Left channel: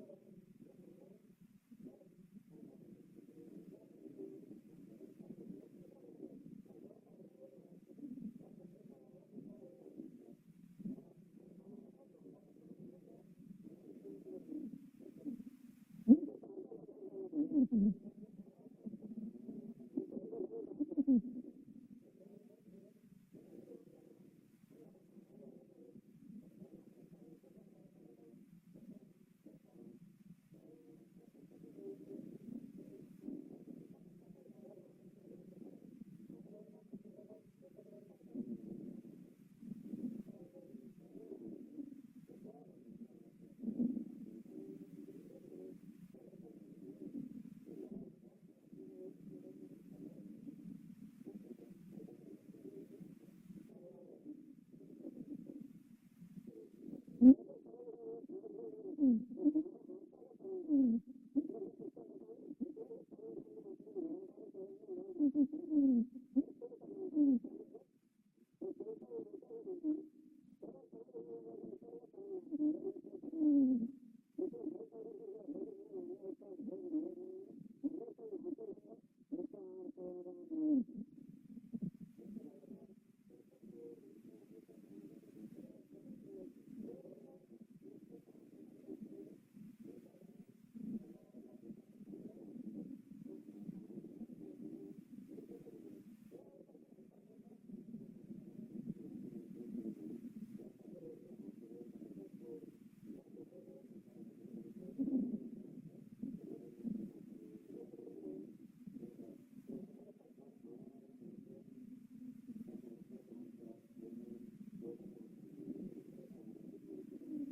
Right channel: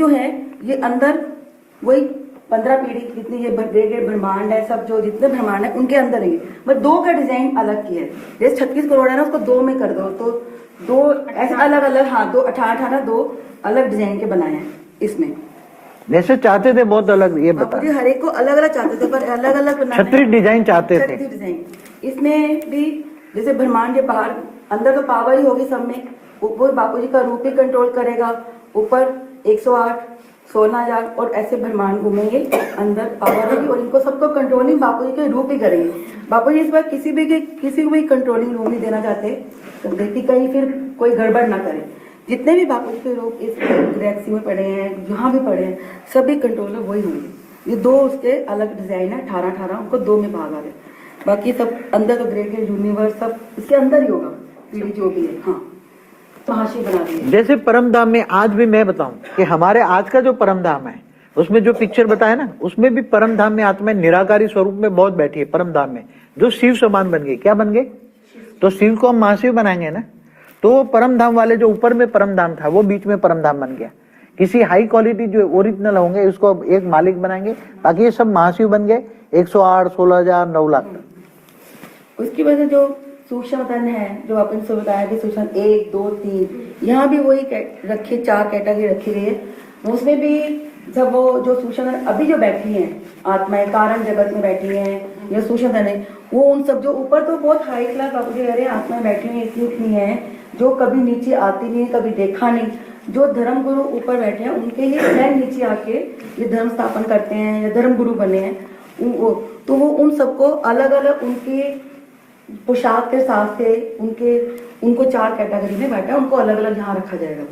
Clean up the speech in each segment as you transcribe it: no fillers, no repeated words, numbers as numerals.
जो है ये अंदर वही 15 पीढ़ी जितनी ये ब्रह्मांड है, सब जो जितने ब्रह्मांड है उनके अंदर है। बस दो का डिजाइन अलग किया है। जैसे 36 करोड़ है ना, उसको दो में कर दो तो दो ऐसे अलग अलग, हाँ, दो 18 दो अलग डिजाइन के बनाए हैं इसमें। जैसे चाहते थे बहुत अलग, ये बता हर एक को अलग अलग चाहते थे, पर अलग अलग बनाना, 36 डिजाइन चाहते थे। 36 डिजाइन इसमें भी। जैसे ब्रह्मांड के बाहर, अंदर तो पावर ही होगी सब में, वो बापू जी का रूप ही कंट्रोल करेगा। ऊपर 108 16,000 और ऐसे ब्रह्मांड घूमेंगे, अंदर पावर होगी और इनको सबको कंट्रोलिंग बापू जी के रूप ही करेंगे। बापू जी इस बार किसी को भी कंट्रोलिंग रूम नहीं देना चाहते कि कहीं फिर कोई गड़बड़ ना करे। जितने भी बापू जी के रूप इस गैलेक्सी में पड़े हैं, जहाँ भी पड़े हैं, सभी कंट्रोलर वही होंगे। ये दो उसके अलग डिजाइन है, 18 उनको दो में भाग आ गए। बाकी सब अंदर तो ग्रेटर यूनिवर्स सब इसके अंदर ही होगा, पीढ़ी जो भी है। हाँ, महाशय बना दिए। जैसे परम धाम में आज भी मैं बताऊं कि हमारे आज का जो परम धाम है, उसमें जो पिक्चर बताया ना, उसमें भी परम धाम में आत्मा निराकारी स्वरूप में बहुत बैठी है। परम धाम में जो शिव समान बन गए, क्या बन गए? तो शिव को हम महाशिव बनाएंगे ना, तो वो परम धाम वाले जो ऊपर में परम धाम था, वो बीच में परम धाम बन गया। किसी हाई क्वालिटी जो ओरिजिनल होंगे उसको एक मालिक बनाएंगे, बाकी ये सब महाशिव बन गए। 108 16,000 9 लाख। उसकी वजह जो सूक्ष्म तन है, जो अपन से बताया कि सूक्ष्म 1 2 3, यहाँ भी वही रखी 4 कैटेगरी रखी गई है। उसमें भी जब वो जो सूक्ष्म अभी जो बैठी हैं आत्माएं कारण जगत में बैठी हैं, या सूक्ष्म तन है, वो उन सब जो ऊपर तो बहुत हाई क्लास बापू जी कह रहे हैं आत्माएं बैठी हुई इतनी है जो कभी नीचे आती नहीं, कभी देखा नहीं। जो धर्म गुरु ऊपर बैठे हैं उनके ही स्वयं नीचे आके ये धर्म स्थापन करते हैं या धर्म गुरु बने हैं। तो वो उन सबको अलग अलग उनके पोशाक के साथ से उनको 4 कैटेगरी में बैठा, उनको अलग अलग यहाँ रखा जाएगा।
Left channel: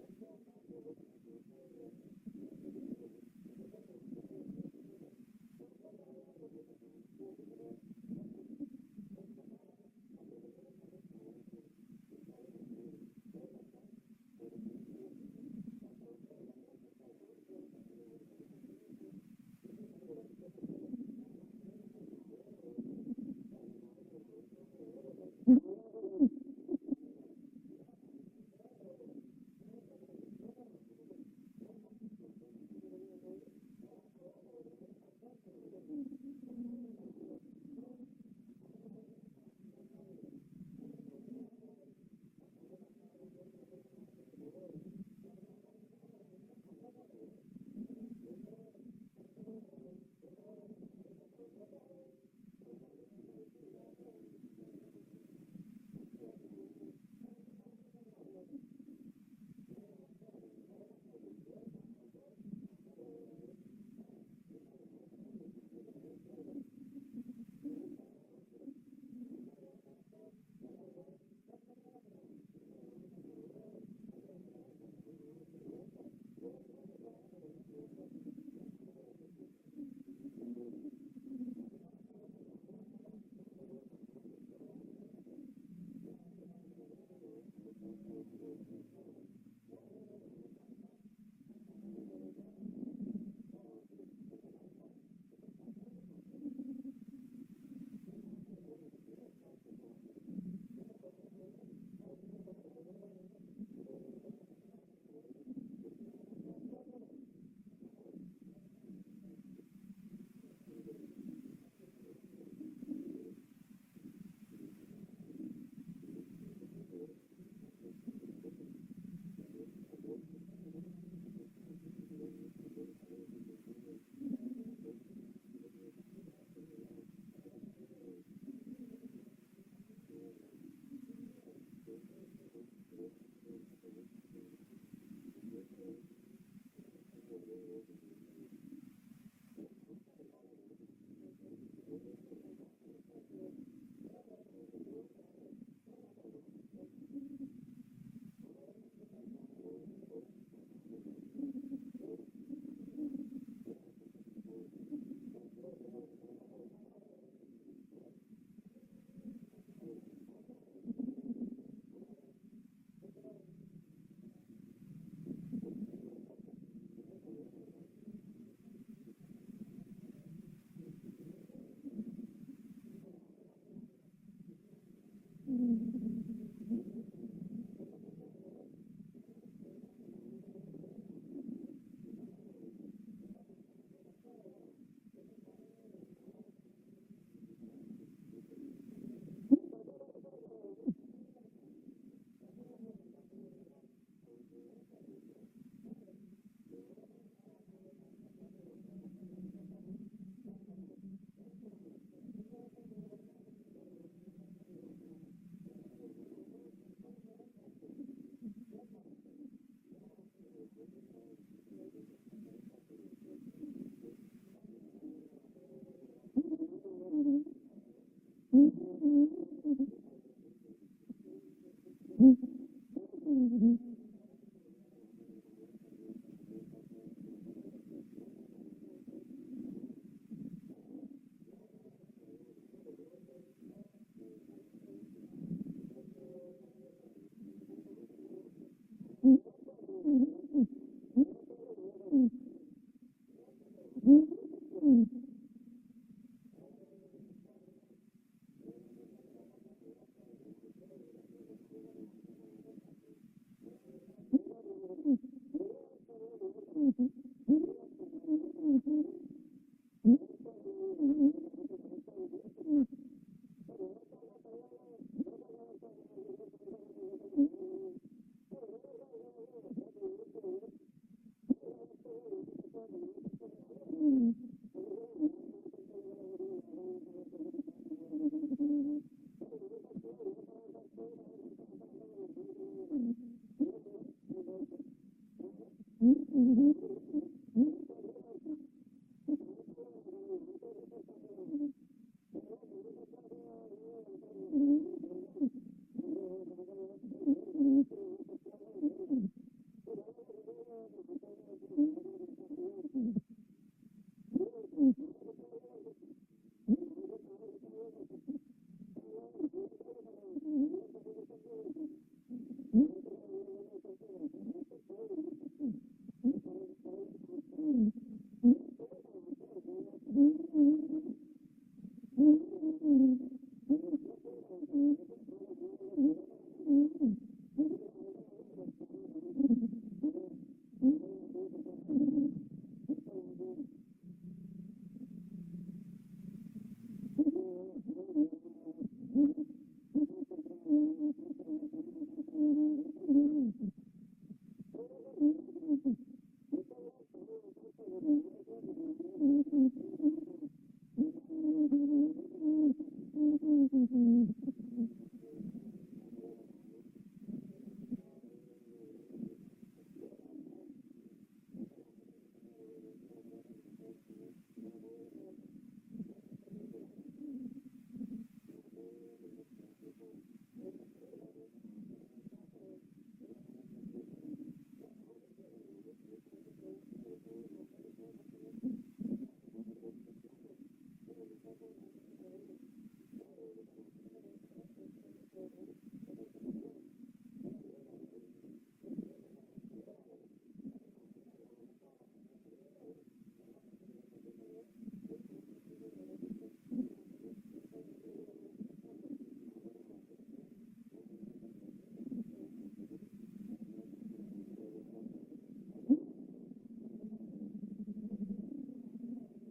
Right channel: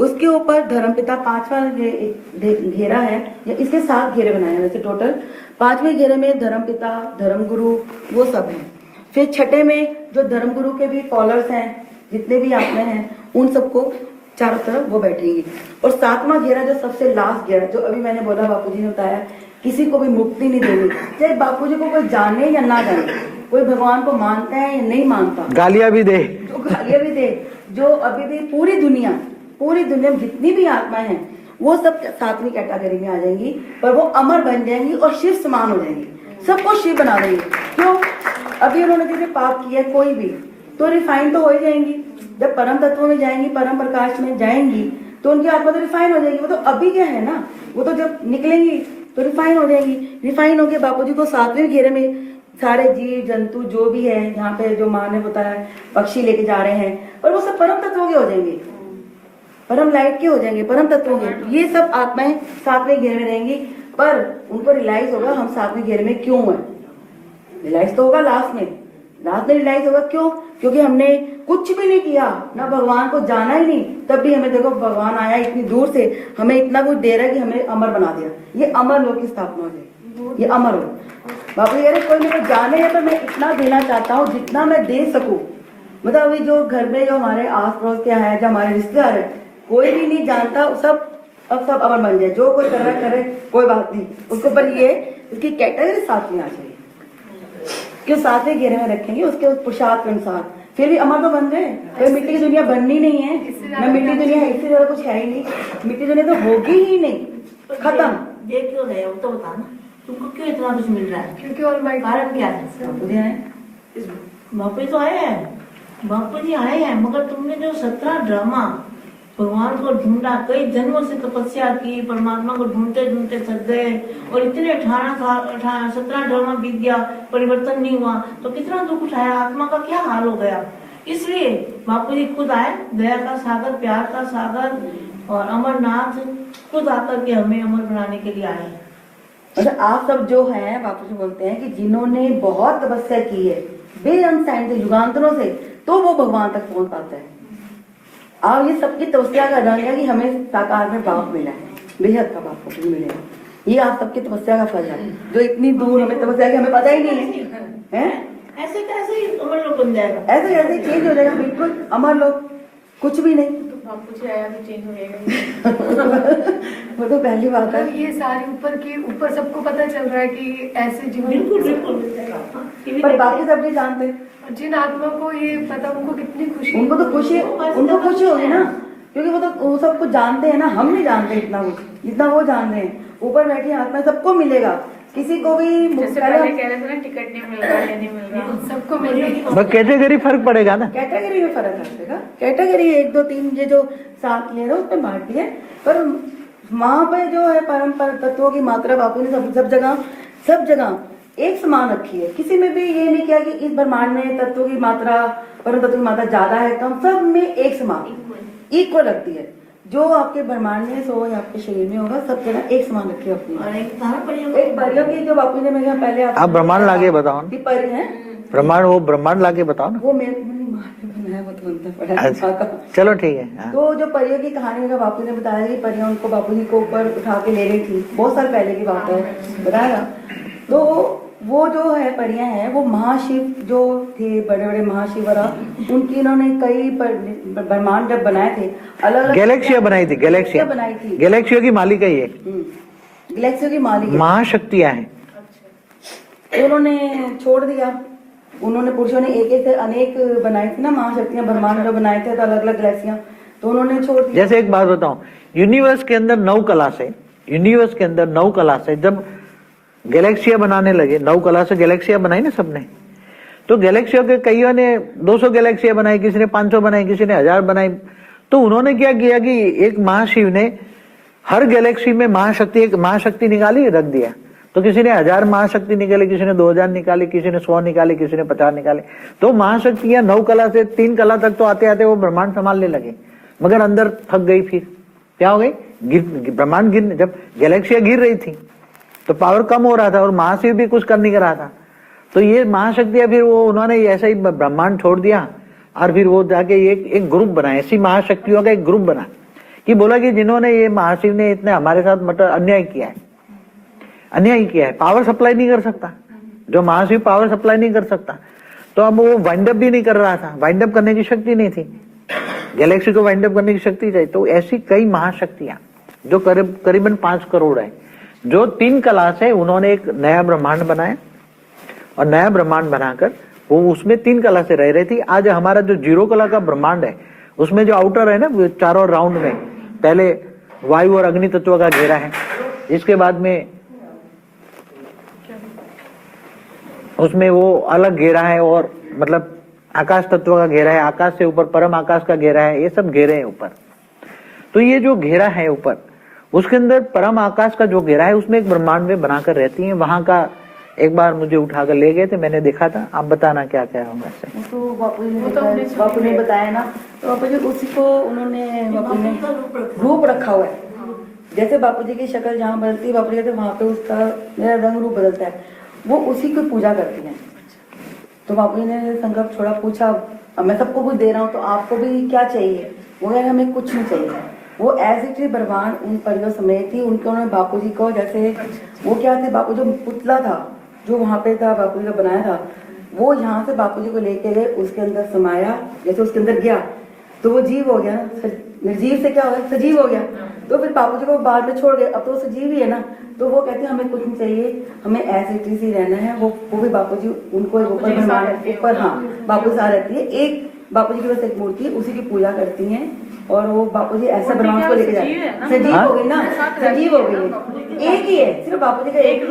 उसके ऊपर धर्मपिता 5वां घेरा है, या इसके 7 घेरे बनाए हैं वैसे टोटल। 5वें घेरे में धर्मपिता, धर्मगुरु वो सब हैं। फिर 6ठे में जो धर्मगुरु के भी फॉलोअर्स हैं, जितने भी आत्माएं हैं, उन सबको चारों तरफ वो बैठेंगी। और 7वां घेरा जो सबसे लास्ट घेरा, जो अभी मैंने बोला बापूजी ने बताया, किसी को भी मुक्ति नहीं देनी, चाहे बापूजी को कोई जाने या ना जाने, कोई भगवान को मानता है या नहीं मानता, गालियां भी दे, जो गालियां भी दे, जो अभी भी पूरी दुनिया में जितनी भी आत्माएं हैं वो सब 7वीं कैटेगरी में आ जाएंगी, पर वो अमर बन जाएंगी और शिव समान हो जाएंगी, सबको शिव बना देंगे। क्यों? अभी उन्होंने जैसे पाप किया कोई भी, तो रिफाइन तो हो ही जाएंगी। जब परम तत्व में जाएंगी, परम प्रकाश में जाएंगी, तो उनकी आत्मा तो रिफाइन हो जाएगी। वो तो अभी क्या है ना, वो तो जब निकलेंगी तो रिफाइन हो जाएंगी। रिफाइन होके बापूजी को 7वें घेरे में सारे जीव जंतु जो भी है, यहाँ पे जो माँ ने बताया पक्षी लेके जा रहे हैं, पर वो सब परम तत्वों के हो जाएंगे, परम लाइट के हो जाएंगे, परम तत्वों के। ये सब आत्माएं 7वें घेरे में रहेंगी, पर उनको रियलाइज होगा हम 7वें घेरे में क्यों है। रियलाइज तो होगा लास्ट में रियलाइज होगा। क्यों? क्योंकि हमने कुछ भी नहीं किया, ना भगवान को जाना ही नहीं, तब भी हमें देखो भगवान आया इतनी दूर से, हमें इतना कुछ दे रहा है कि हमें अमर बना दिया। ये अमर लोक की स्थापना हो जाएगी, ये अमर हो। बापू कह रहे कोई मेरे को जाने है, पर मैं इतना देना चाहता हूँ जितना मैं दे सकूं। मतलब अभी जो घर में जो हमारे आस पड़ोस के है, जो हमारे रिश्तेदार है, कोई भी नहीं जानता, सब अमर बन जाए। जो कोई कर रहा करे कोई बात नहीं उसको, पर ये उसकी कैटेगरी 7वीं आ जाएगी, क्यों 7वें घेरे में रखेंगे उसके उस पोशाक के अनुसार। फिर भी अमर तो बन गए। कोई मिट्टी की दुनिया बननी नहीं है ना, मिट्टी दुनिया इससे ज्यादा कुछ है ही नहीं, मिट्टी दुनिया तो होगी ही नहीं, खत्म। ये क्यों नहीं, वो तो बता ना, तुमको क्यों इतना कुछ मिल रहा है? क्योंकि और कारण क्या है? बापू तो आए हैं, बापू जी आए हैं, मगर तुमने जो 17 ड्रामा भगवान को ढूंढा, कई जन्मों से तपस्या की, परमात्मा को ढूंढते ढूंढते थक गए, और इतने 17 ड्रामा बीत गया, परिवर्तन नहीं हुआ, तो कितना दुख उठाया, आत्मा का क्या हाल हो गया। इसलिए बापू जी खुद आए, दया का सागर, प्यार का सागर, और अमरनाथ खुद आकर के हमें अमर बनाने के लिए आए। मतलब आप सब जो हैं, बापू जी बोलते हैं कि जिन्होंने बहुत तपस्या की है बेअंत से, युगांतरों से, तो वो भगवान तक पहुंच पाता है। और ये सबकी तपस्या का रंग है कि हमें साकार में बाप मिला है, बेहद का बाप को मिलेगा। ये आप सबकी तपस्या का फल है, जो इतनी दूर हमें तपस्या की हमें पता ही नहीं है। ऐसे कैसे अमर लोग बन जाएगा? ऐसे कैसे चेंज हो जाएगा, बिल्कुल अमर लोग, कुछ भी नहीं। तो बापू जी आया भी चेंज हो जाएगा। वो तो पहली बात है। ये सारे ऊपर सबको पता चल रहा है कि ऐसे जीवन, बिल्कुल, पर बाकी सब नहीं जानते। जिन आत्मा को ये पता, उनको कितनी खुशी, उनको तो खुशी होगी ना, क्योंकि वो सब कुछ जानते हैं ना, हम नहीं जानते इतना कुछ जितना वो जानते हैं। ऊपर बैठी आत्मा सबको मिलेगा, किसी को भी जैसे पहले कह रहे थे ना टिकट नहीं मिल रहा, ये नहीं मिल रहा, सबको मिलेगा। बस कैटेगरी फर्क पड़ेगा ना, कैटेगरी में फर्क रखेगा। कैटेगरी 1 2 3 ये जो 7 ले रहे उसमें बांट दिया, पर वहां पे जो है परम तत्वों की मात्रा बापू ने सब जगह एक समान रखी है। किसी में भी ये नहीं किया कि इस ब्रह्मांड में तत्वों की मात्रा, परम तत्व की मात्रा ज्यादा है कम, सब में एक समान इक्वल रखती है। जो आपके ब्रह्मांड में सो या आपके शरीर में होगा, सब जगह एक समान रखी है अपनी। और एक परियों की जो बापू ने मेरे यहाँ पहले आप ब्रह्मांड लाके बताओ ना, परि है ब्रह्मांड, वो ब्रह्मांड लाके बताओ ना। वो मेरे माँ ने बनाया, वो तो बनता पड़ा है अच्छा, माँ का। चलो ठीक है। हाँ। तो जो परियों की कहानी का बापू ने बताया कि परियां उनको बापू जी को ऊपर उठा के ले रही थी, बहुत साल पहले की बात है, बताया। तो वो जो है परियां हैं, वो महाशिव जो थे, बड़े बड़े महाशिवरा, उनकी इन्होंने कई ब्रह्मांड जब बनाए थे, अलग अलग गैलेक्सिया बनाई थी, गैलेक्सिया बनाई थी। गैलेक्सिया की मालिक है ये, गैलेक्सियों की मालिक है। महाशक्तियां हैं। तो उन्होंने छोड़ दिया, उन्होंने पुरुषों ने एक एक से अनेक बनाई थी ना महाशक्तियां, ब्रह्मांड जो बनाए थे अलग अलग गैलेक्सियां, तो उन्होंने छोड़ दिया। जैसे एक बात बताऊं, यूनिवर्स के अंदर 9 कला से, यूनिवर्स के अंदर 9 कला से जब गैलेक्सिया बनाने लगे, 9 कला से गैलेक्सिया बनाई ना सबने, तो गैलेक्सियों के कईयों ने 200 गैलेक्सिया बनाई, किसी ने 500 बनाई, किसी ने 1000 बनाई। तो उन्होंने क्या किया कि एक महाशिव ने हर गैलेक्सी में महाशक्ति, एक महाशक्ति निकाली, रख दिया। तो किसी ने 1000 महाशक्ति निकाली, किसी ने 2000 निकाली, किसी ने 100 निकाली, किसी ने 50 निकाले। तो महाशक्तियां 9 कला से 3 कला तक तो आते आते वो ब्रह्मांड संभालने लगे, मगर अंदर थक गई। फिर क्या हो गई, ब्रह्मांड गिर, जब गैलेक्सिया गिर रही थी तो पावर कम हो रहा था और महाशिव भी कुछ कर नहीं रहा था। तो ये महाशक्तियां फिर वो उन्होंने ऐसा ही ब्रह्मांड छोड़ दिया और फिर वो जाके एक ग्रुप बनाया, ऐसी महाशक्तियों का एक ग्रुप बना कि बोला कि जिन्होंने ये महाशिव ने इतने हमारे साथ मतलब अन्याय किया है, पावर सप्लाई नहीं कर सकता, जो महाशिव पावर सप्लाई नहीं कर सकता, तो अब वो वाइंड अप भी नहीं कर रहा था, वाइंड अप करने की शक्ति नहीं थी, गैलेक्सी को वाइंड अप करने की शक्ति चाहिए। तो ऐसी कई महाशक्तियां जो करीबन 5 करोड़ है, जो 3 कला से उन्होंने एक नया ब्रह्मांड बनाया और नया ब्रह्मांड बनाकर वो उसमें 3 कला से रह रही थी। आज हमारा जो 0 कला का ब्रह्मांड है, उसमें जो आउटर है ना, चारों राउंड में पहले वायु और अग्नि तत्व का घेरा है, इसके बाद में उसमें वो अलग घेरा है, और मतलब आकाश तत्व का घेरा है, आकाश से ऊपर परम आकाश का घेरा है, ये सब घेरे हैं ऊपर। तो ये जो घेरा है ऊपर, उसके अंदर परम आकाश का जो घेरा है, उसमें एक ब्रह्मांड में बनाकर रहती हैं। वहां का एक बार मुझे उठाकर ले गए थे, मैंने देखा था। आप बताना क्या क्या है वैसे। तो बापू ने बताया ना, तो बापू जी उसी को उन्होंने बापू ने रूप रखा हुआ है। जैसे बापू जी की शक्ल जहाँ बदलती है, बापू जी कहते वहां पे उसका मेरा रंग रूप बदलता है, वो उसी को पूजा करती है। तो बापू जी ने संकल्प छोड़ा, पूछा अब मैं सबको कुछ दे रहा हूँ तो आपको भी क्या चाहिए? वो कह हमें कुछ नहीं चाहिए। वो ऐसी थी ब्रह्मांड उन परियों समेत थी, उनके उन्होंने बापू जी को, जैसे वो क्या थे, बापू जो पुतला था जो वहां पे था बापू जी का बनाया था, वो यहाँ से बापू जी को लेके गए, उसके अंदर समाया। जैसे उसके अंदर गया तो वो जीव हो गया, निर्जीव से क्या हो गया, सजीव हो गया। तो फिर बापू जी को बाद में छोड़ गए, अब तो वो सजीव ही है ना। तो वो कहते हैं हमें कुछ नहीं चाहिए, हमें ऐसे चीज ही रहना है। वो भी बापू जी उनको ऊपर ब्रह्मांड ऊपर, हाँ बापू जी साथ रहती है। एक बापू जी की बस एक मूर्ति, उसी की पूजा करती हैं, और वो बापू जी ऐसा ब्रह्मांड को लेके जाए। सजीव हो गई ना, सजीव हो गई, एक ही है, सिर्फ बापू जी का एक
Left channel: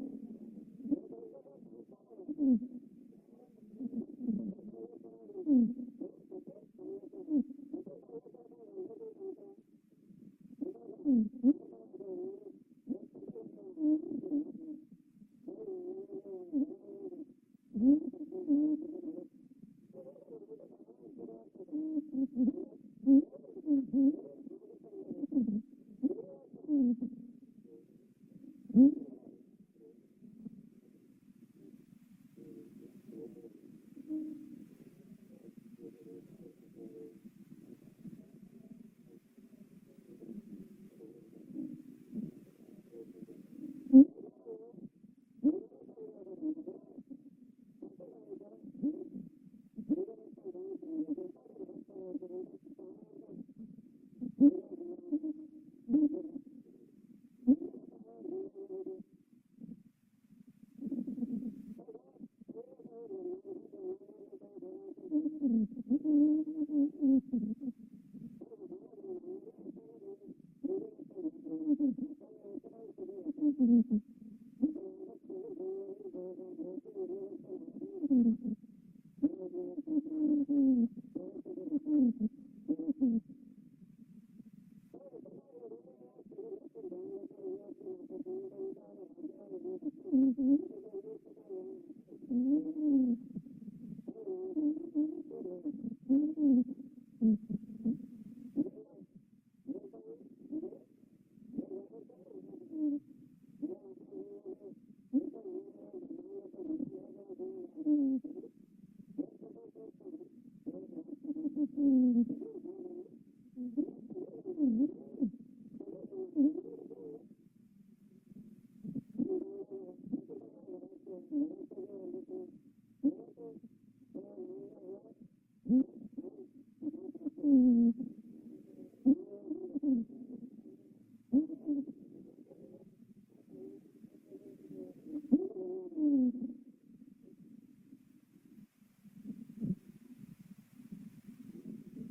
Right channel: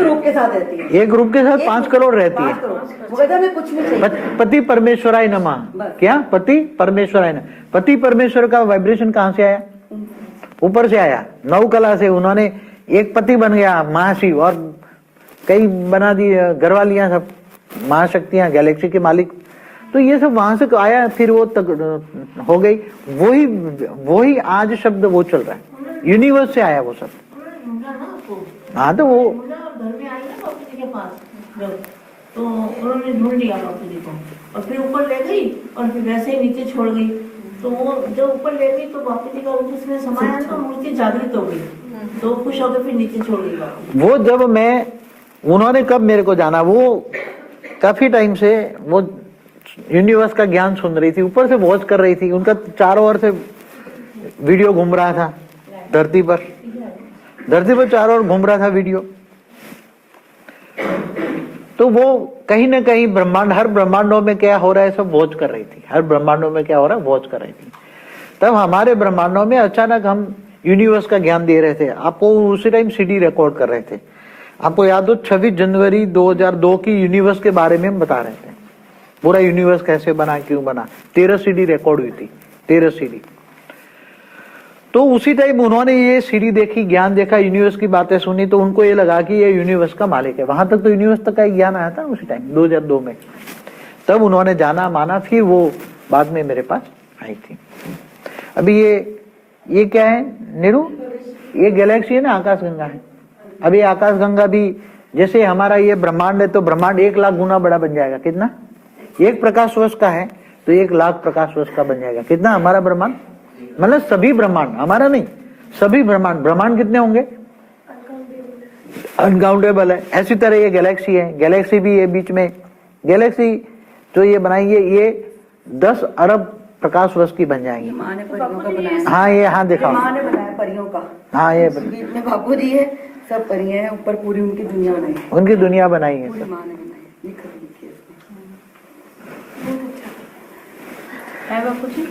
रूप के साथ रहती है। एक रूप के साथ 5 करोड़ रहती है। वो कहते हमें कुछ नहीं चाहिए। पति परमेश्वराय नमः। क्या? पति परमेश्वराय नमः। पति परमेश्वर का वाइब्रेशन कहाँ से आया? ऊपर से आया। 9 कला से उन्होंने एक पति बन गया महाशिव, और कई बना दी घरवालियां, सब महाशक्तियां, गैलेक्सी के मालिक। तो ये सब वहां से आया, फिर वो तक हो गई। वही आज शब्द वो चल रहा है, यूनिवर्स से आया वो सब। हाँ तो वो घर में आई ना बापू जी के पास जब, तो उन्होंने ढूंढ लिया बापू जी को, और फिर ऊपर ले गई, और फिर वैसे ही नीचे छोड़ गई। तो वो जब ऊपर ले गई तो बापू जी का रूप उसमें समाया, तो मूर्ति जागृत हो गई, तो खुश होकर फिर नीचे छोड़ गई बापू। वो जब मैं, उन्होंने कब मेरे को जाना, वो काफी टाइम से वो यूनिवर्स का ज्ञान सुन रही थी, ऊपर से वॉच कर रही थी। उनका चारों ओर से वीडियो घूम रहा था धरती पर चारों ओर घूम रहा था वीडियो। तो वो कहीं ना कहीं ब्रह्मांड, हर ब्रह्मांडों में क्या हो रहा है सब वॉच कर रही थी, हर ब्रह्मांडों में क्या हो रहा है वॉच कर रही थी। तब हमारे ब्रह्मांडों में अचानक हम यूनिवर्स का ज्ञान दे रहे थे। आपको उसी टाइम सीडी रिकॉर्ड कर रहे थे। आपको याद हो 26 जनवरी 2002 की यूनिवर्स के बारे में हम बता रहे थे, पूरा यूनिवर्स कैसे बना, क्यों बना। 13 सीडी रिकॉर्ड हुई थी, 13 सीडी। तो उसी टाइम उन्होंने ये सीडी देखी, ज्ञान देखा, यूनिवर्स की बातें सुनी, तो उनको ये लगा कि ये यूनिवर्स का मालिक है। वहां तक तो यूनिवर्स तक का ज्ञान आया था उसी टाइम 2002 में। तब उन्होंने जाना माना, फिर वो बाद में मेरे पास आई थी। अभी ये क्या है नीरू? ये गैलेक्सी है ना, आकाशगंगा है। अब ये आकाशगंगा भी जैसे हमारा ये ब्रह्मांड है, तो ब्रह्मांड 1 लाख गुना बड़ा बन जाएगा। कितना? 1 प्रकाश वर्ष का है तो 1 लाख प्रकाश वर्ष का बन जाएगा। कितना हमारा ब्रह्मांड? मतलब सभी ब्रह्मांड, हमारा नहीं, सभी ब्रह्मांड। ब्रह्मांड कितने होंगे? अनकाउंटेबल है। ऐसी तरह ये गैलेक्सी है, गैलेक्सी भी ये बीच में, गैलेक्सी जो ये बनाएंगे ये 10 अरब प्रकाश वर्ष की बन जाएंगी। माँ ने परियों का बनाया। हाँ ये, हाँ देखा, माँ ने बनाया परियों का। हाँ ये बीच में बापू जी है, सब परियां हैं, ऊपर पूरी उनकी दुनिया बनाई है। उनकी दुनिया बनाई है पूरी सब। माँ ने बनाई, लिखा लिखी है है बापू जी।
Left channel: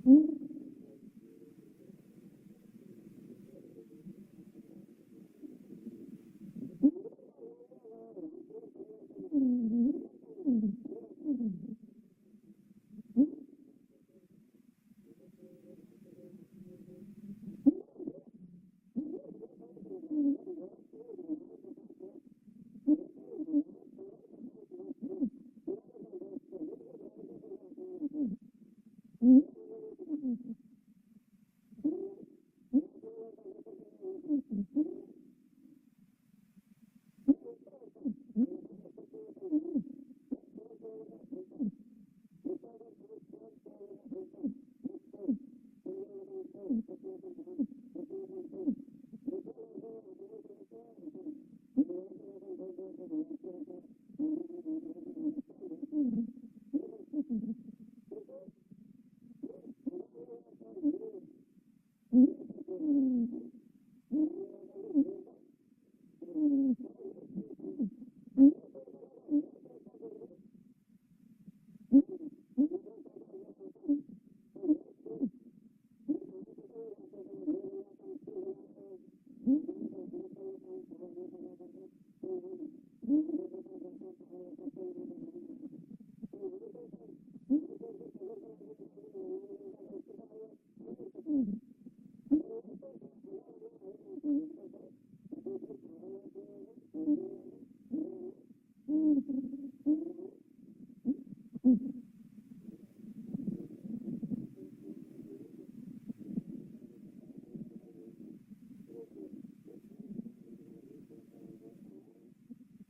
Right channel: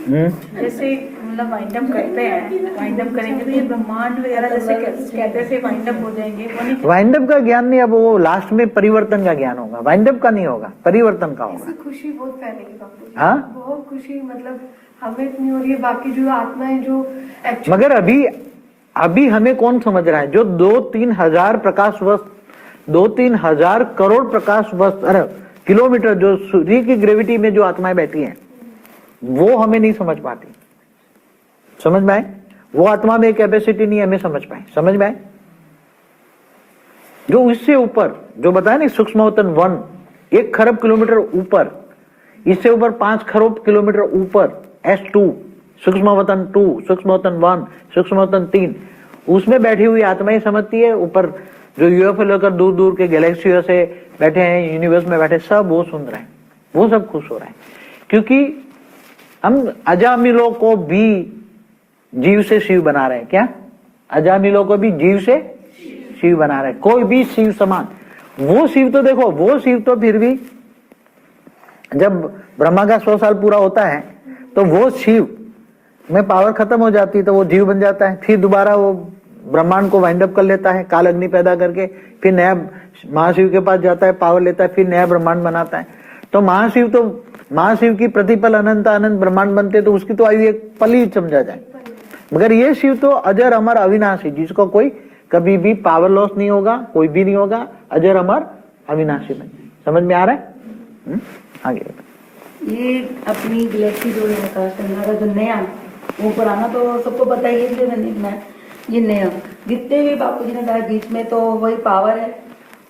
जैसे मतलब वाइंड अप करते हैं, वाइंड अप करेंगे तो ये ब्रह्मांड वगैरह जैसे कहते थे वाइंड अप हो जाएंगे, वो नहीं? वाइंड अप का ज्ञान नहीं, अब वो लास्ट में परिवर्तन का ज्ञान होगा। वाइंड अप का नहीं होगा, परिवर्तन का होगा। इससे खुशी बहुत फैलेगी बापू जी। हाँ? बहुत खुशी, मतलब हमें इतनी हो रही है, बाकी जो आत्माएं जो मगर अभी हमें कौन समझ रहा है? जो 2-3 हजार प्रकाश वर्ष, 2-3 हजार करोड़ प्रकाश वर्ष, अरे किलोमीटर जो सूर्य की ग्रेविटी में जो आत्माएं बैठी हैं, वो हमें नहीं समझ पाती। समझ में आए? वो आत्मा में कैपेसिटी नहीं हमें समझ पाए। समझ में आए? जो इससे ऊपर जो बताया ना, सूक्ष्मवतन 1 1 खरब किलोमीटर ऊपर, इससे ऊपर 5 खरब किलोमीटर ऊपर S2, सूक्ष्मवतन 2, सूक्ष्मवतन 1, सूक्ष्मवतन 3, उसमें बैठी हुई आत्माएं समझती है। ऊपर जो यूएफओ लेकर दूर दूर के गैलेक्सियों से बैठे हैं, यूनिवर्स में बैठे, सब वो सुन रहे हैं, वो सब खुश हो रहे हैं। क्योंकि हम अजामिलों को भी जीव से शिव बना रहे हैं। क्या? अजामिलों को भी जीव से शिव बना रहे हैं। कोई भी शिव समान, वो शिव तो देखो, वो शिव तो फिर भी जब ब्रह्मा का 100 साल पूरा होता है तो वो शिव में पावर खत्म हो जाती है, तो वो जीव बन जाता है। फिर दोबारा वो ब्रह्मांड को वाइंड अप कर लेता है, काल अग्नि पैदा करके, फिर नया महाशिव के पास जाता है, पावर लेता है, फिर नया ब्रह्मांड बनाता है। तो महाशिव की प्रतिपल अनंत अनंत ब्रह्मांड बनते, तो उसकी तो आयु एक पल ही समझा जाए। मगर ये शिव तो अजर अमर अविनाशी, जिसको कोई कभी भी पावर लॉस नहीं होगा, कोई भी नहीं होगा, अजर अमर अविनाशी बन। समझ में आ रहा है? आगे ये अपनी गैलेक्सी जो है आकाशगंगा का जो नया, वो पुराना तो सबको पता ही है, जो मैंने ये नया जितने भी बापू जी ने बताया बीच में, तो वही पावर है।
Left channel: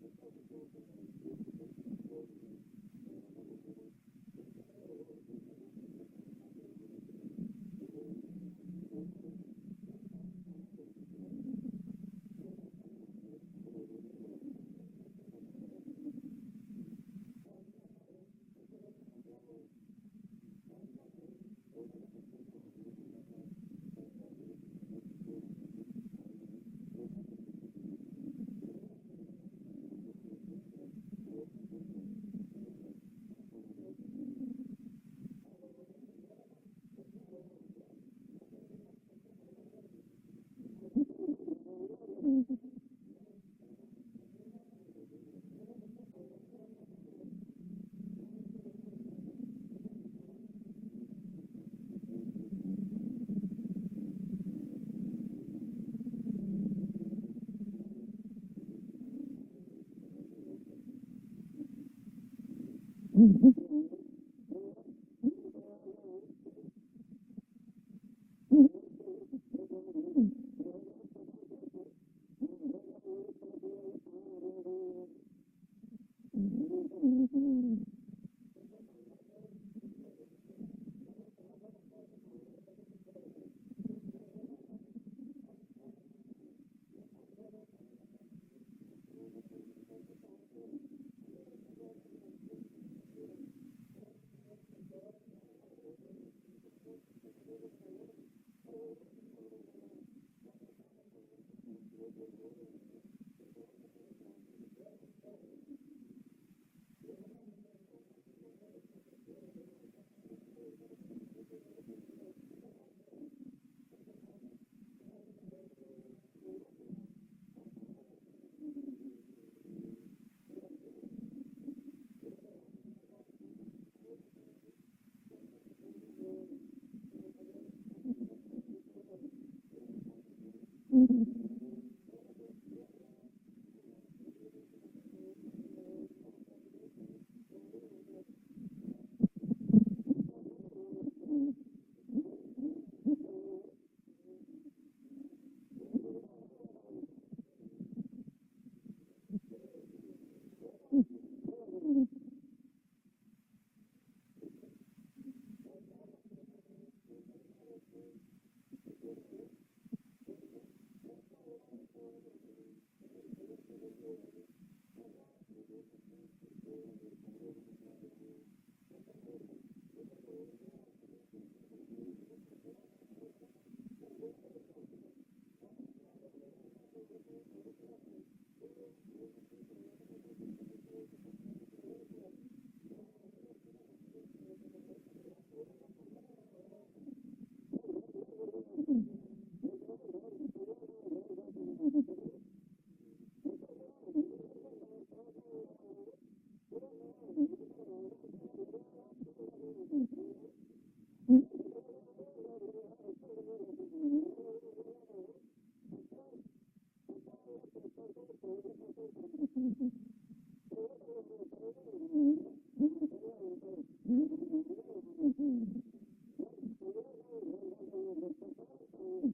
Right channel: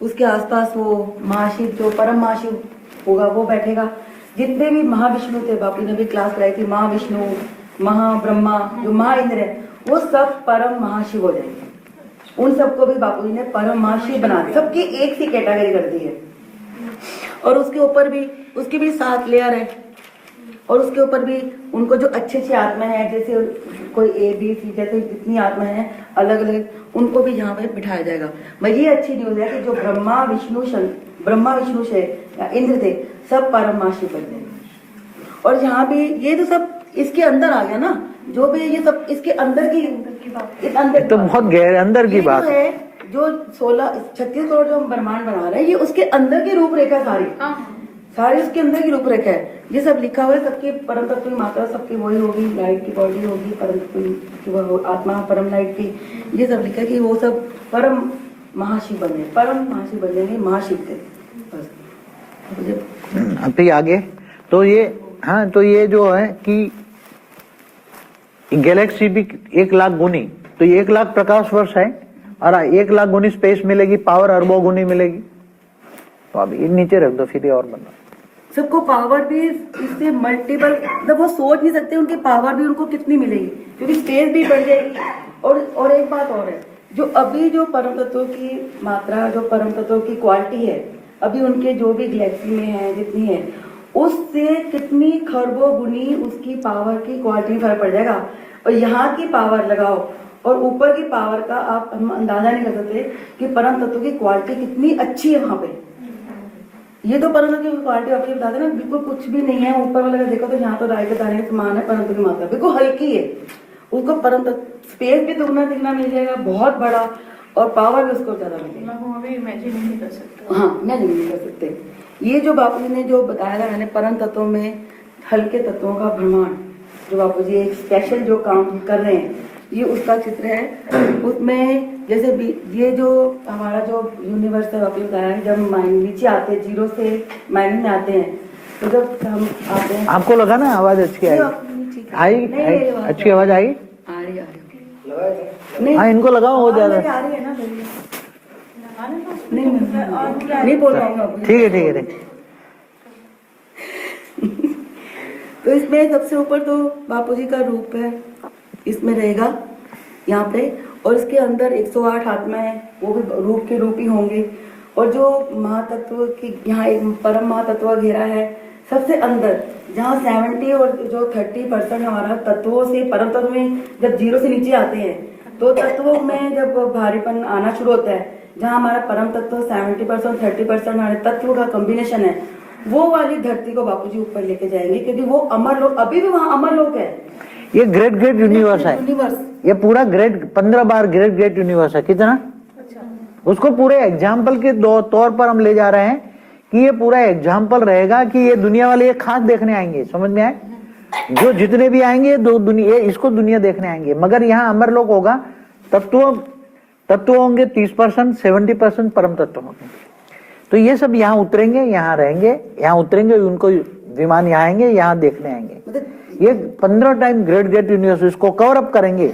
उसके आसपास वो महाशिव जो परम महाशिव होगा वो बैठेगा। जितने भी महाविष्णु थे, बापू ने भी क्लास लाई थी, महाविष्णु, महाब्रह्मा, जो महाइंद्र है, वो सब परम महाशिव हो जाएंगे। उन सबको भी बापू जी ने परम महाशिव बना दिया, सबकी एक सी कैटेगरी कर दी है। और उसके ऊपर भी उसके भी 7 लेयर है, और उसके ऊपर भी उनको जो अच्छी अच्छी आत्मा है, जैसे कोई A B C जैसे जितनी आत्मा है अलग अलग, उनको भी यहाँ पे बिठाया जाएगा। भाई ये अच्छी न्यूज है कि जो ब्रह्मा विष्णु से या इंद्र थे, सब परम महाशिव बन गए। और यहाँ भी ये तो सब इसके अंदर आ गया ना, जो भी ये सब इसके अंदर की बात, इस अंदर तो बहुत गहरे अंदर की बात है। जो 36 करोड़ जो हम ब्रह्मांड बना रहे हैं, ये उसके अंदर की रूपरेखा सारी उसके अंदर की रूपरेखा है। ये सब लिखा हुआ है, सबकी परम तत्व की मात्रा सबकी वही होगी, लाइट की बॉडी होगी, परम तत्व की वो आत्मा परम लाइट की। ये सब लिखा है कि वो सब परम महाशिव बने, परम महाशिव बन जाएंगे, महाशिव थे बस। फिर आगे तो ये, हाँ तो ये जो है कि गैलेक्सी भी 1 लाख गुनी, तो ये 1 लाख प्रकाश वर्ष है, और 1 लाख गुनी स्पेस मिलेगी, पावर अरबों गुनी मिलेगी। तो अब ये नीचे रख दो, फिर ये और बना। सबको पावर भी इससे मल्टीपल, मतलब वो सोच नहीं सकते उनकी पावर भी उनको कितनी मिलेगी, क्योंकि स्पेस भी बढ़ जाएगी। और एक बात और है, जो अभी जो परम तत्वों की मात्रा, जो परम तत्वों की क्वालिटी है, अभी उनके जो भी गैलेक्सी में है जितनी है, उससे कितनी खरबों गुनी उसकी पावर की क्वालिटी में फर्क पड़ जाएगा। और यहाँ की पावर लगाओ और ऊपर की पावर का हम अंदाजा नहीं कर सकते कि परम तत्व की क्वालिटी कितनी अच्छी है वहां पे। ये तो परंतु की क्वालिटी आपको बता दें ना, बिल्कुल कुछ भी नहीं है। ऊपर वाले का देखो तो यहाँ तो राय के दाने समान है, परंतु की मात्रा बिल्कुल हल्की है। उसको परंतु स्पेस भी दुगना तिगना मिल जाएगा, बहुत बड़ा, और पावर भी उसको ज्यादा मिलेगा। मैं वो अभी इमेजिन नहीं कर सकता। हाँ, मैं नहीं कर सकते। ये जो बापू जी ने जो बताया था मैंने, परम तत्वों में हल्के तत्वों का ब्रह्मांड, जो बापू जी एक स्पेशल जो काम कर रहे हैं, ये उसका चित्र है। उसमें जैसे ये जो हमारा जो यूनिवर्स है, बापू बताया है, जब माइंड नीचे आते हैं, जीरो से माइंड में आते हैं, तो जब हम आते हैं, आपको लगा ना आवाज अच्छी आई? आई अच्छी आवाज आई? आ रही नहीं, हाँ, इनको लगाओ हो ज्यादा। आ रही है ना, नहीं बोल पाऊंगा। ठीक है, ठीक है, ठीक। तो इसमें सबसे ऊपर तो बापूजी का रूप है, इसमें रहेगा यहाँ पे, और इसके अंदर 108 आत्माएं, वो भी रूप के रूप ही होंगे। और जो महातत्व की यहाँ एक परम महातत्व घेरा है सबसे अंदर, जहाँ 70 और जो 30% हमारा तत्वों से, परम तत्व में जब जीरो से नीचे आते हैं तो तत्वों में जब भारीपन आना शुरू होता है, जहाँ हमारा परम तत्व 70% 30% हमारे तत्व का कॉम्बिनेशन है, वो वाली धरती को बापूजी ऊपर लेके जाएंगे, क्योंकि वो अमर लोक, अभी भी वहाँ अमर लोक है। ये ग्रेट ग्रेट यूनिवर्स है, यूनिवर्स ये पूरा ग्रेट 15 बार ग्रेट ग्रेट यूनिवर्स है। कितना? उसको पूरे एग्जाम्पल के तौर पर हम ले जा रहे हैं कि ये पूरा एग्जाम्पल रहेगा कि ये दुनिया वाले ये खास देखने आएंगे। समझ में आए? जो जितने भी आएंगे इसको दुनिया देखने आएंगे। मगर यहाँ अमर लोक होगा, तत्व होंगे 30%, 70% परम तत्व होंगे। तो ये सब यहाँ उतरेंगे, यहाँ रहेंगे, यहाँ उतरेंगे, उनको विमान यहाँ आएंगे, यहाँ देखने आएंगे। ये 15 टाइम ग्रेट ग्रेट यूनिवर्स इसको कवर अप करेंगे।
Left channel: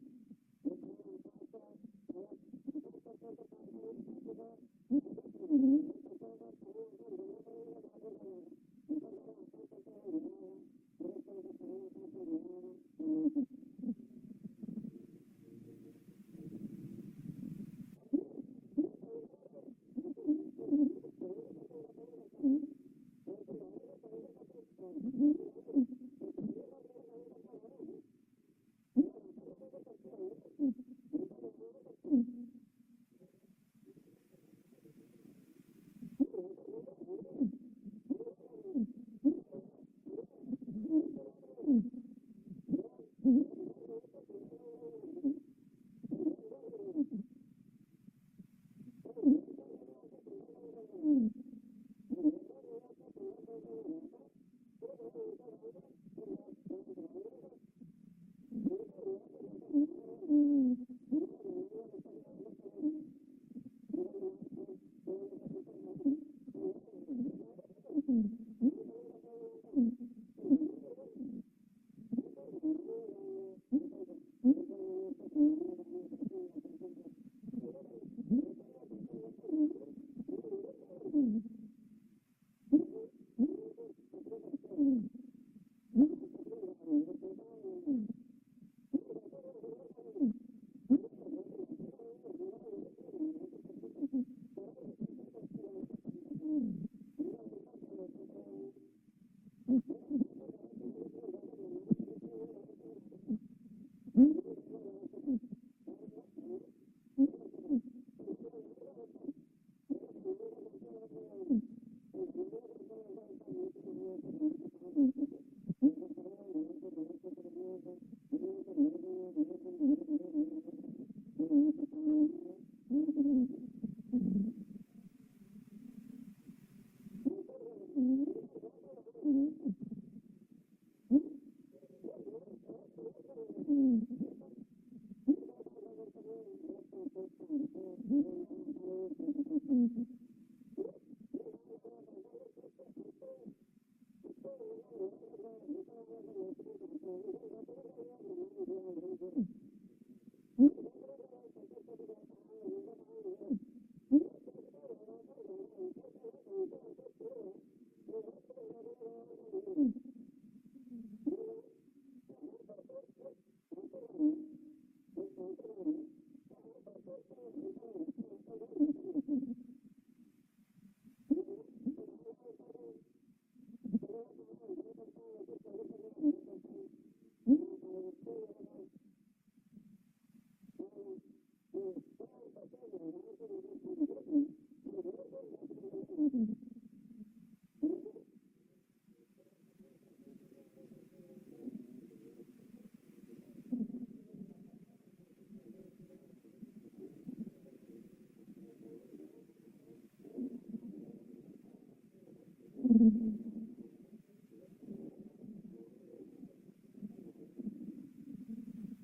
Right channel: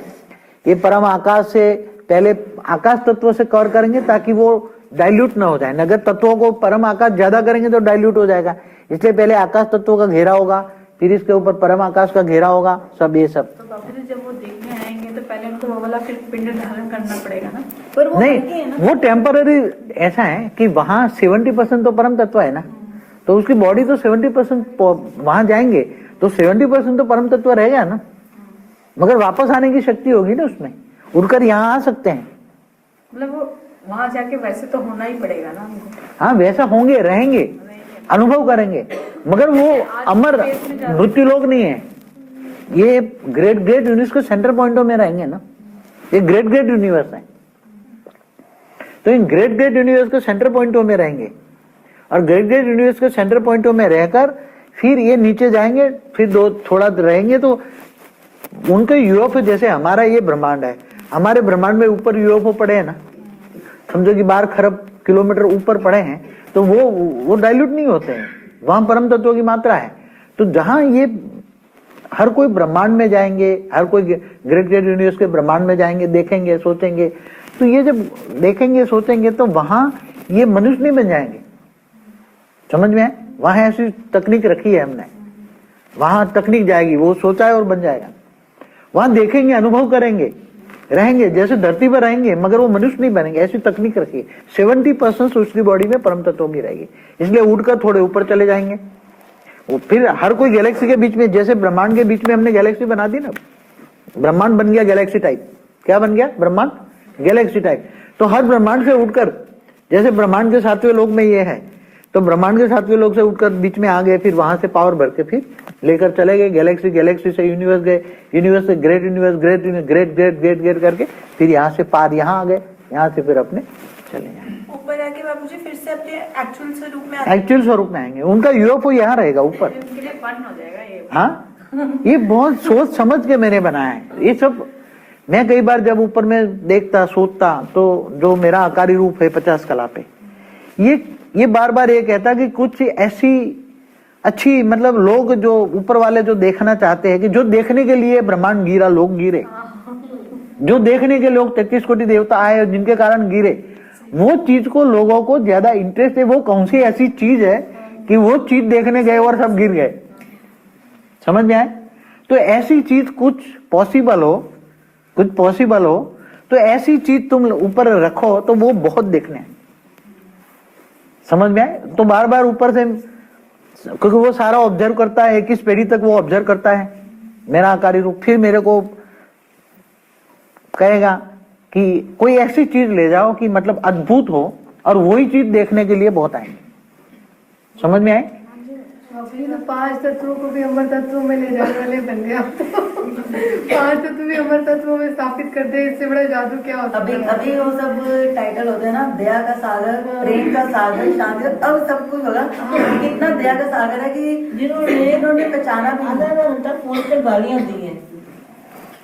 ये परम आकाश से पहले आकाश तत्व से कवर करेंगे ताकि वो डाइल्यूट ना हो जाए। नगर तत्वों को परम आकाश ज्यादा करेंगे तो डाइल्यूट हो जाएगा, इसलिए पहले आकाश तत्वों का घेरा होगा, फिर इसके ऊपर परम आकाश का घेरा होगा, सब ये सब। तो बाबू जी जब वो देखने आएंगे तो पहले उनको वो वाला फिर पिंड धारण करना पड़ेगा ना? पर वो नहीं, वो टेम्पररी ऐसा है कि वहाँ 70% तो परम तत्व है ना, तो उसकी बॉडी तो 70% वहां जाएंगे तो 70% तो परम तत्व रहेगा ना, मगर वापस आने की शक्ति होगी ना उसमें, उड़कर यहाँ आ सकते हैं। मतलब वो वहां जाके वैसे तो होना ही पड़ेगा ना उनको। हाँ, वैसा होंगे, रहेंगे, अनुभव करेंगे, मगर वो अमर मृत्यु लोग नहीं है। ये ग्रेट ग्रेट यूनिवर्स के सेंटर पॉइंटों में रहेंगे ना, ये ग्रेट ग्रेट यूनिवर्स है। तो इन ग्रेट ग्रेट यूनिवर्स के सेंटर पॉइंटों में रहेंगे, और ग्रेट ग्रेट यूनिवर्स के सेंटर पॉइंटों में रहकर फिर ये नीचे जाएंगे, फिर थोड़ा रहेंगे तो उनके यूएफओ, जैसे हमारा ये ब्रह्मांड है, हमारे ब्रह्मांड में ऊपर यूएफओ पड़े हैं ना, समझो कि 12 खरब किलोमीटर ऊपर पड़े हैं, तो वो डाइल्यूट नहीं होते हैं, वहां परम तत्वों की मात्रा है। तो जहां ये हर कोई ब्रह्मांड में जाएंगे, हर कोई ग्रेट ग्रेट यूनिवर्स के ब्रह्मांड में जाएंगे, देखेंगे, सोचेंगे, तो ये जब देखेंगे सोचेंगे तो वहां ये मनुष्य नहीं बन जाएंगे। समझ में है? वहां ऐसी तकनीक रखी है हमने, वहां तकनीक जाएगी, वो सोचा है और बन जाएगा। वहां देखेंगे, अनुभव करेंगे, रहेंगे, जैसे धरती पर रहेंगे, मगर वो मनुष्य नहीं बनेंगे, ऐसी तकनीक रखी है। 70% उसकी बॉडी में परम तत्वों की रहेगी, इसलिए उड़कर थोड़े ऊपर चले जाएंगे। वो फिर हर कोई गैलेक्सी के बीच में, जैसे ब्रह्मांड के बीच में हमने गैलेक्सी बना दी ना, ब्रह्मांड बन गया गैलेक्सी टाइप। क्या बन गया? ब्रह्मांड गैलेक्सी टाइप। तो हर ब्रह्मांड से उठकर, जैसे ब्रह्मांड के 7वें लोक में ये है, तो ब्रह्मांड के 7वें लोक से उठकर बीच में आ गए, फिर वहां से पावर भर के फिर लेकर चले गए गैलेक्सी, गैलेक्सी से यूनिवर्स गए, यूनिवर्स से great universe, great great great great great करके फिर यहाँ से पार यहाँ आ गए, यहाँ से फिर अपने चले जाए ऊपर जाके बाबूजी फिर से अपने एक्चुअल स्वरूप में एक्चुअल स्वरूप में आएंगे। उनका यूएफओ यहाँ रहेगा ऊपर। उनके लिए फन हो जाएगा ये। हाँ, ये बहुत सोच समझ के मैंने बनाया है ये सब। मैं कई बार जब ऊपर में देखता सोचता, तो जो मेरा आकारी रूप है 50 कला पे, ये बार बार ये कहता कि कुछ ऐसी अच्छी, मतलब लोग जो ऊपर वाले जो देखना चाहते हैं, कि जो देखने के लिए ब्रह्मांड गिरा, लोग गिरे, जो देखने के लोग 33 कोटि देवता आए जिनके कारण गिरे, वो चीज को लोगों को ज्यादा इंटरेस्ट है। वो कौन सी ऐसी चीज है कि वो चीज देखने गए और सब गिर गए? समझ में आए? तो ऐसी चीज कुछ पॉसिबल हो, तो ऐसी चीज तुम ऊपर रखो तो वो बहुत देखने आए। समझ में आए? तो बार बार ऊपर से, क्योंकि वो सारा ऑब्जर्व करता है, 21 पीढ़ी तक वो ऑब्जर्व करता है मेरा आकारी रूप, फिर मेरे को कहेगा कि कोई ऐसी चीज ले जाओ कि मतलब अद्भुत हो, और वही चीज देखने के लिए बहुत आएंगे। समझ में आए? बापूजी तो 5 तत्वों को भी अमर तत्वों में ले जाने वाले बन गए आप तो 5 तत्व भी अमर तत्वों में स्थापित कर दे, इससे बड़ा जादू क्या होता अभी है? अभी वो सब टाइटल होते हैं ना, दया का सागर, प्रेम का सागर, शांति का, अब सब कुछ होगा। कितना दया का सागर है कि जिन्होंने पहचाना भी नहीं। आधा घंटा फोन पे गालियां दी हैं,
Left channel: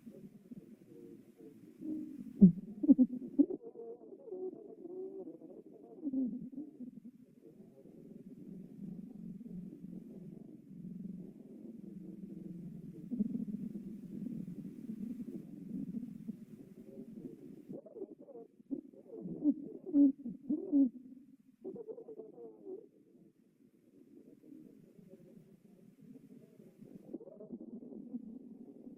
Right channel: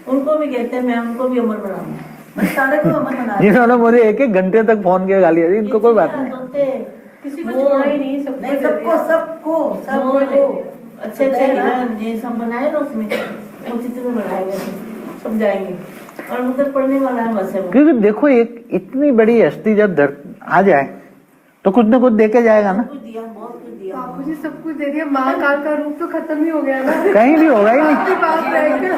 उनको भी कहते हैं मैं उनको भी अमर बनाऊंगा। बस सारे को अमर बना दिया। जिन्होंने मुझे 1-1 घंटे तक फोन किया गाली दी, इनको कोई बात नहीं। किसी को छोड़ा ही नहीं, सबको नहीं, दे दिया। सबको अच्छे अच्छे हिरण ये सब बनाए ना, उसमें वो चित्र बनाए गए थे, सब जाएंगे और मतलब पढ़ने वाला है बस है वो। क्योंकि देखो एक इतनी बड़ी हस्ती जब आ जाए तो कुछ न कुछ देके जाएगा ना, कुछ दिया, बहुत कुछ दिया। बापूजी सब कुछ दे दिया, महाकाल का रूप तो खत्म ही हो गया ना। कहीं भी होगा ही नहीं। बाप ही बाप रह गया,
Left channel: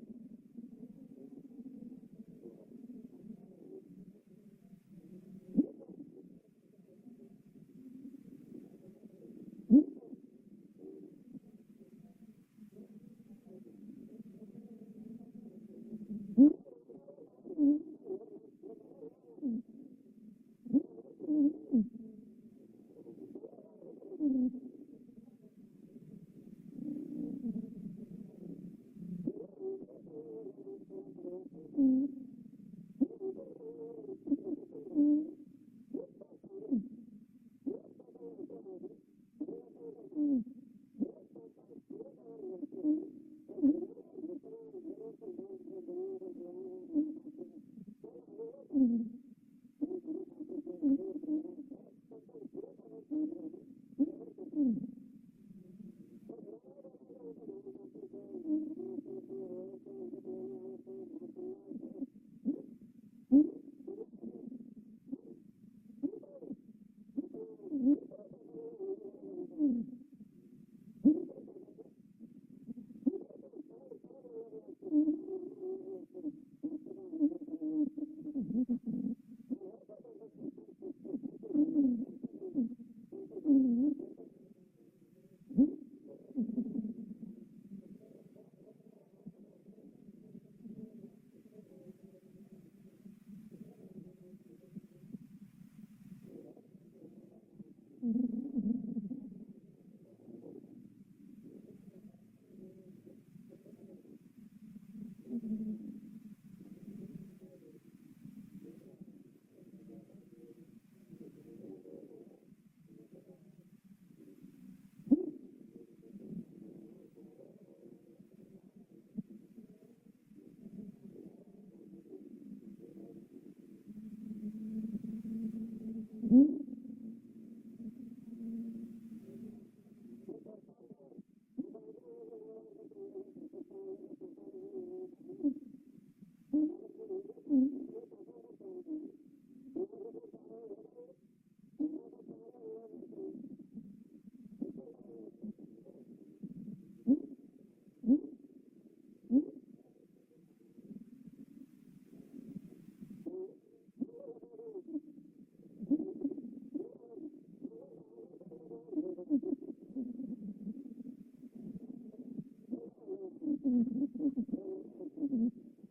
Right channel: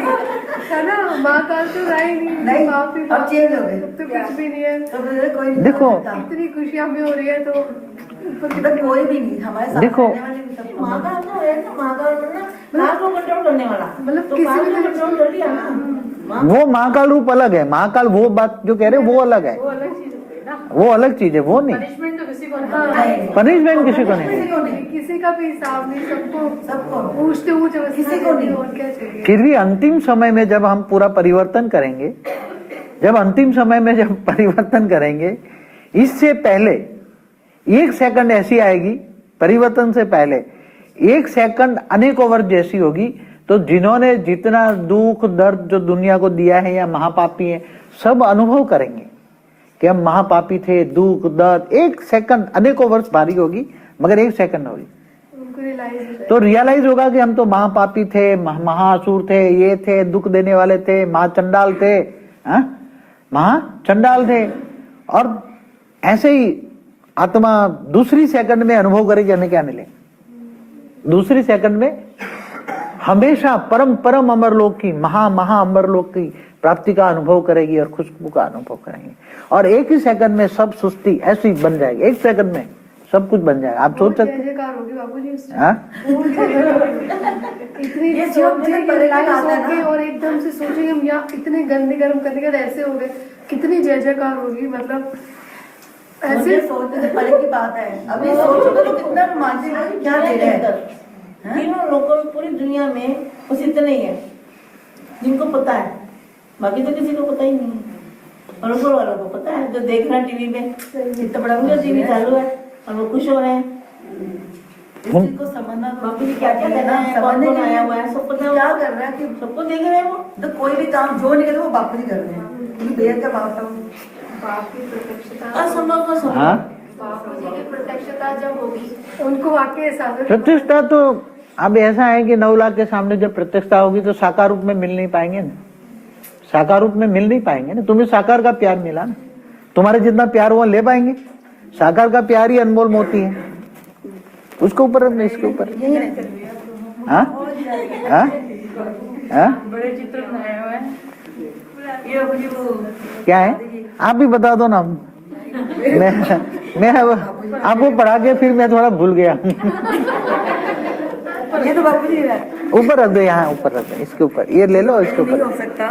है ना? महाकाल तो रहा ही नहीं, नहीं, बाप ही अब बाप, चेंज हो गए। अब तो कुछ भी नहीं है। तो फिर कोई नहीं देखो, कर सकता। इतनी खुशियां भी हो रही है तो ऊपर की तो कोई भी नहीं हमारे साथ देखो, रहने वाले भी सब महाकाल तो है ना, महाकाल बनना काल को कंट्रोल करने वाला, मतलब तो किसी काल भी को कंट्रोल कर लिया ना। वो महाकाल रूप अलग है, महाकाल वो बात जो कह रहे हैं वो अलग है, वो अलग चीज हो गई ना। वो अलग चीज है, वो नहीं। पनिशमेंट तो किसी को नहीं। नहीं, पनिशमेंट किसी को नहीं। किसी को नहीं, किसी का भी हिसाब नहीं, सबको पूछते हुए किसी को नहीं। और क्या चाहिए? फिर भी अंतिम समय में जब हम पूरा परिवर्तन करेंगे, जब अंतिम समय में जब परिवर्तन करेंगे, इससे पहले 1 सेकंड ऐसी आएगी, परिवर्तन से पहले 1 सेकंड अनेकों वर्ष जैसी होगी। तो जिन्होंने जितना दुख दर्द जो दुनिया को दिया है या महापापी है, सब अनुभव करेंगे कि हम महापापी थे, दुख दर्द 1 सेकंड अनेकों वर्ष भारी होगी, मगर 1 सेकंड होगी उनको रियलाइज तो रियलाइज होगा कि हम तो महापापी थे, महाअसुर थे, ये थे, दुख देने वाले थे, महाचंडाल थे, महाचंडाल थे। और ऐसे ही आत्मा दूसरी सेकंड में अनुभव करेगी हमें क्या मिले, दूसरी सेकंड में हमेशा परम परम अमरलोक की, महा अमरलोक की प्राप्ति का अनुभव करेगी और खुशबू का अनुभव करेंगे। और 1 ही सेकंड में सब सृष्टि ऐसी बन जाएगी, 1 सेकंड में सब कुछ बन जाएगा। आप सोच सकते जयकार होगी बापूजी उससे। हैं? इतनी ये जो रियलाइज होगी और एकदम से सोचेंगे हम यहाँ इतने गंदे गर्म करने के बाद ऐसे हो गए, कितनी जय जयकार होगी। मतलब मुझे ऐसे सोचने से पहले की बात है। अभी सोचोगे तो कितना रोमांचक है, क्या दे रहे हैं। तीनों लोगों पूरी दुनिया में बस इतने ही है जिनको पता है, बाकी तो किसी को पता ही नहीं है। और ऊपर वालों को पता है, जो देख रहे हैं टीवी में, इतना बड़ा उनका टीवी चालू है और वो खुश हो रहे हैं। इस चीज को समझना, बाकी भी क्या क्या करना है, कौन कौन आया हुआ है, सब पता है। क्या कर रहा है कि सबको देख रहे हैं वो। तो कोई भी काम जो नहीं करे वो बाप ही कर रहे हैं, क्योंकि बेहद का बाप था। बाप की प्रत्यक्षता, असंभव को संभव। हाँ? बापूजी की प्रत्यक्षता जब होगी उनको वाकई एहसास होगा। प्रतिष्ठा तो अब ऐसा है कि 9 लाख के सामने जब प्रतिष्ठा होगी तो साकार रूप में मिल नहीं पाएंगे ना, साकार रूप में मिल नहीं पाएंगे ना। तुम्हें साकार का प्यार मिला ना, तुम्हारे जितना प्यार वो ले पाएंगे। साकार का प्यार ही अनमोल मोती है, उसके ऊपर इसके ऊपर। हाँ? हाँ? हाँ? बड़े चित्र बनाए हुए हैं। ये अपनी वो क्या है आप भी बता दो ना। मैं आपको पढ़ा के फिर मैं थोड़ा भूल गया। ये तो बापू जी है, ऊपर रख दो, यहाँ ऊपर रख दो, इसके ऊपर ये ले लो, इसके नहीं हो ऊपर। सकता।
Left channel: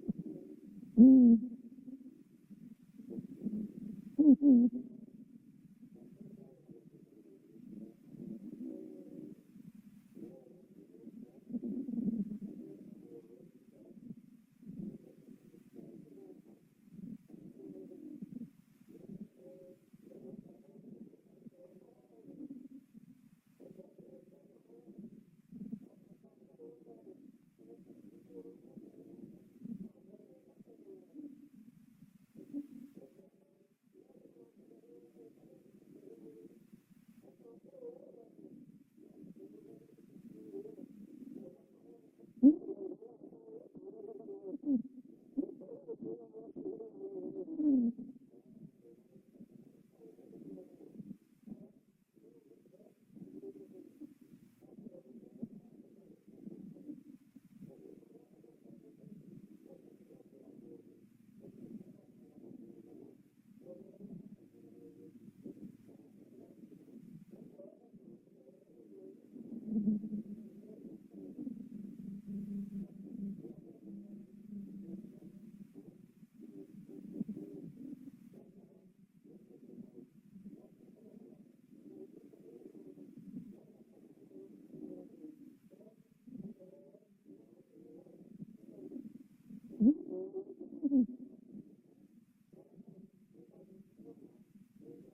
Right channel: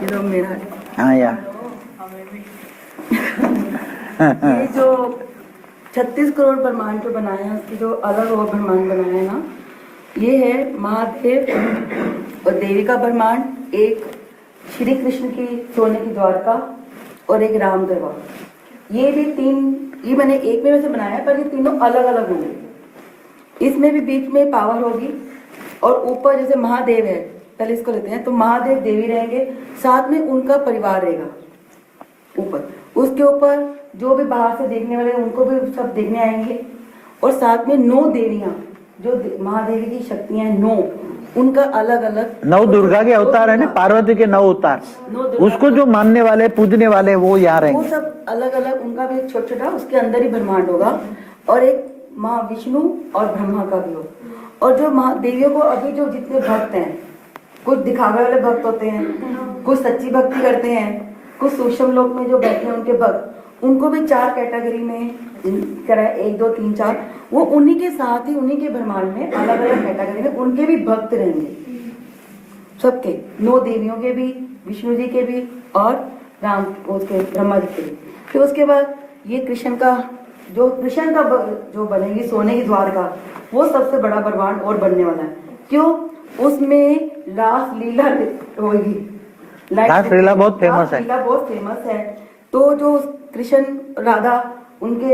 ये तो मेरा है। हाँ यार ये जो 36 करोड़ ब्रह्मांड जो बनाए हैं, उसकी जो अलग और ब्रह्मांड बनाए हैं ना, ये है महादेव और देवी का ब्रह्मांड, एक श्री कृष्ण की सोने की द्वारका और एक राम दरबार। ये भी 3, ये मैंने एक में वैसे बनाया है, पर ये तीनों अलग अलग होंगे। इसमें भी बीच में पावर होगी और ऊपर जैसे महादेव है, पहले इसको लेते हैं, तो महादेव देवी रहेंगे, साथ में उनका परिवार रहेगा ऊपर। उसके ऊपर जो भी बाहर से देखने वाले उनको भी सब देखने आएंगे। और साथ में 9 देवियां जो महादेवी की शक्तियां हैं, 9, उनका अलग अलग 9 दुर्गा के अवतार है ना, पार्वती के 9 अवतार, उसको जो मानने वाले पूजने वाले वो यहाँ वो रहेंगे। सब अलग अलग, उनका भी छोटा छोटा उसके अंदर ही ब्रह्मांड होगा। और एक माँ विष्णु और ब्रह्मा का भी होगा। और जो महादेवियों को अभी जो जितने भक्त हैं, कुछ दिखावे वाले भक्त होते हैं, कुछ सच्ची भक्ति करते हैं, कुछ सूक्ष्म लोक में जो बैठे हैं उनके भक्त, उनको भी 4 कैटेगरी में करा, 1 2 3 4, वो उन्हीं के साथ ही उन्हीं के ब्रह्मांड में अलग अलग कैटेगरी में उनके भी भक्त रहेंगे। सबके 9 देवियों के भी, विष्णु जी के भी और राम उसके ब्रह्मा जी के भी। फिर उसके बाद ये कृष्ण का जो कृष्ण का जो बनेगी सोने की द्वारका, वो सबसे बड़ा ब्रह्मांड और बनने वाला है। क्यों? उसमें रास लीला होगी। रास लीला बहुत फेमस है। रास लीला बहुत फेमस है। तो जो कृष्ण राधा उनके